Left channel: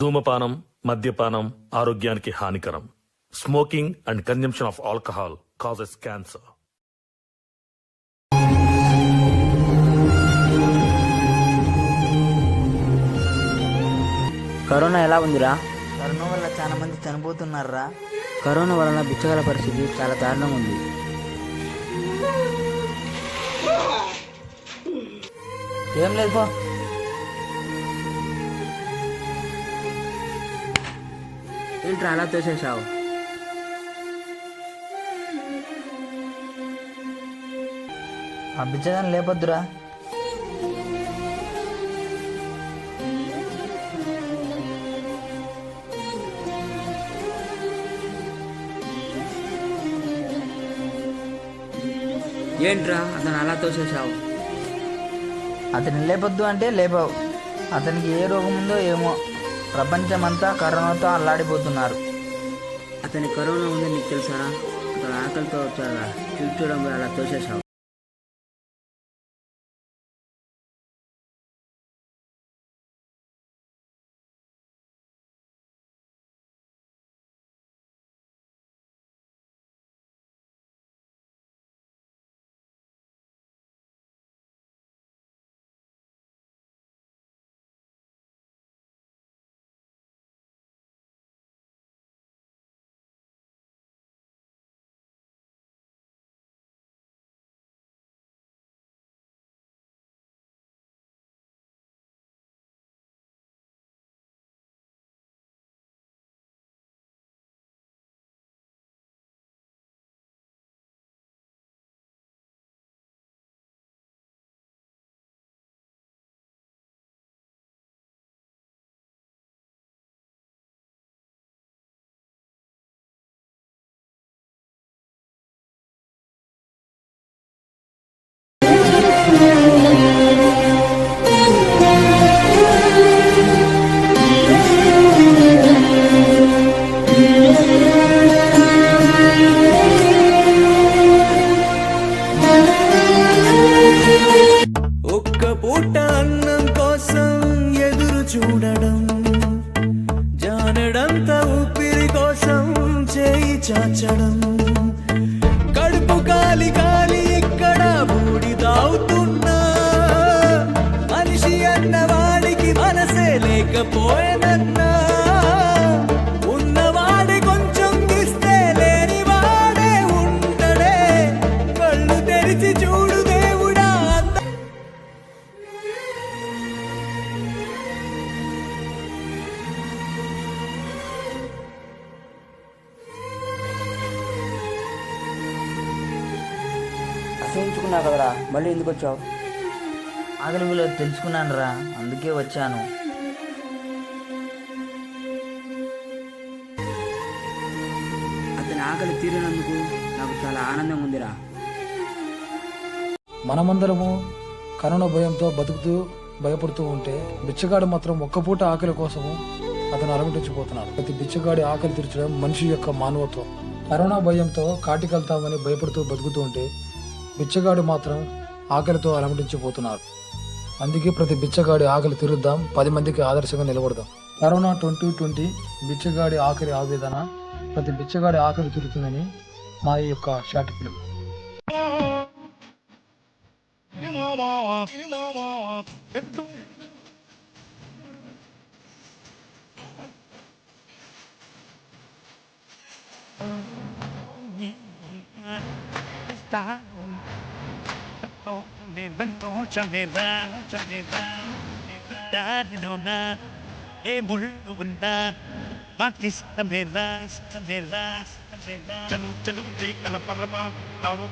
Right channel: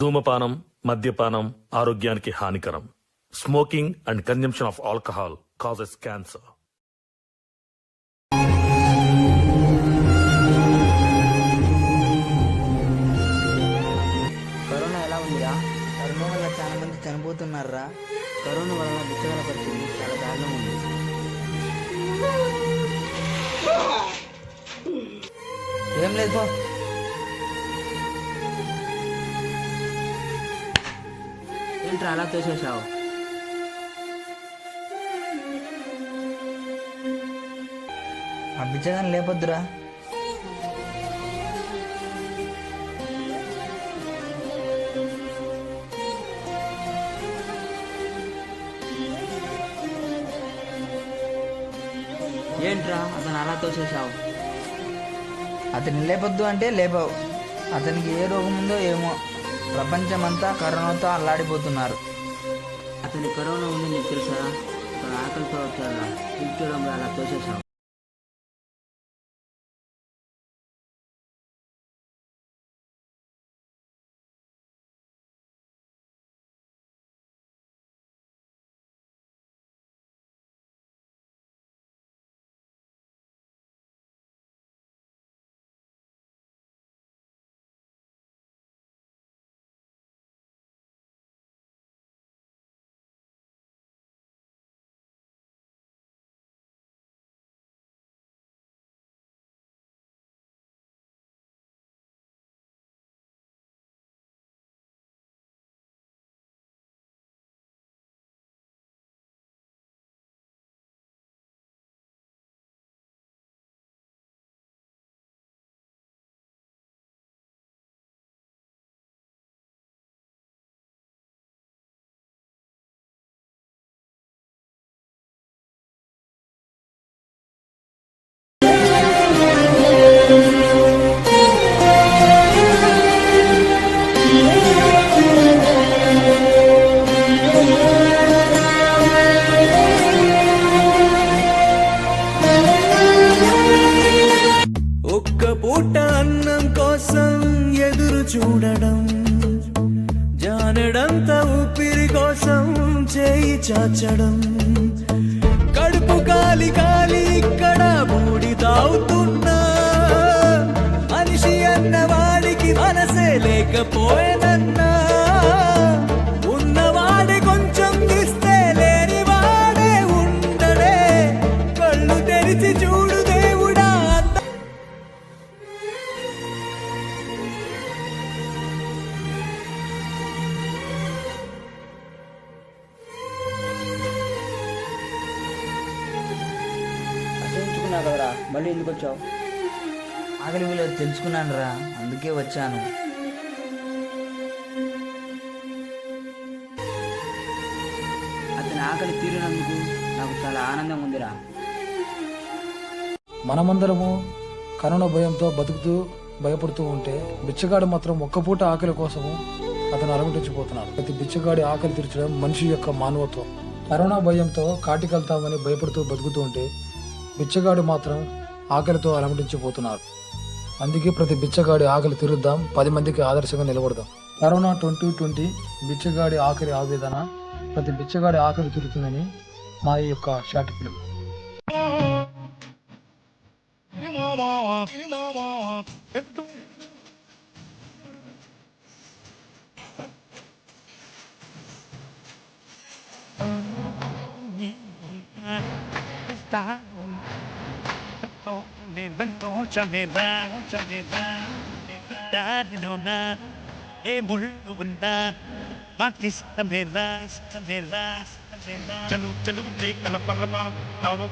ధూమపానం మద్యపానం ఆరోగ్యానికి హానికరం smoking and consumption of alcohol causes cancer corona ఎలా ఉందిరా? కరోనా వల్ల చాలా మంది చనిపోతున్నారా కరోనా వలన బిచ్చగల పరిస్థితి చాలా దారుణంగా ఉంది. ఏం లేదు పో. ఏంట్రా అలా తోసేసావు ఆ బిచ్చగాని లేపొద్దురా. ఏంట్రా? అతను అలా తోసేసావు అతన్ని లేపొద్దు అంటే లేపావు. అతనికి ఏ రోగం ఉందో ఏమో. ప్రపంచమంతా కరోనాతో అల్లాడిపోతున్నారు. అతని కరోనా ఉందని నీకు తెలుసారా? అతను ఆకలితో వచ్చాడా పిలిచడంలో అలా తోసేసావు చూడడం జానడంత ఊపిరి కోసం చేయి చాచడం. కడుపు కాలి కాలి ఇక్కడ బూడి తాగుతున్నా మనిషి అన్నవాడికి మనసే లేకపోయే అసహించుకున్నావు కదరా. మళ్ళీ ఎందుకు వచ్చావు? ఆకలి విలువ తెలుసుకున్నాను రా. అందుకే వచ్చాను. అతని ఆకలి తీరినందుకు నాకు చాలా ఆనందంగా ఉందిరా. మనమందరము కరోనా భయంతో బతుకుతూ భయపడుతూ ఉంటే బిచ్చగాడు మాత్రం ఒక్క పూట ఆకలి కోసము అతను అలమటించిపోతున్నాడు ప్రతి బిచ్చగాడి ఆకలి తీర్చడం మనిషి యొక్క మానవత్వం. కరోనా భయంతో కాటికెళ్తామని భయపడుతూ బతుకుతూ ఉంటే బిచ్చగాడు మాత్రం ఆకలితో అలమటించిపోతున్నారు. అందుకే ప్రతి బిచ్చగాడి ఆకలి తీరుద్దాం పది మందికి ఆదర్శంగా నిలబడదాం. కరోనా ట్వంటీ ట్వంటీ బిచ్చగాడి ఆఖరి ఆవేదన ప్రతి బిచ్చగాడి ఆకలి తీరుతుందని మా ఈ యొక్క short Oh, me banco, chame da, chame da, e mulu bunda, matis tame da, tame chalu chalu de, kana parama, tavo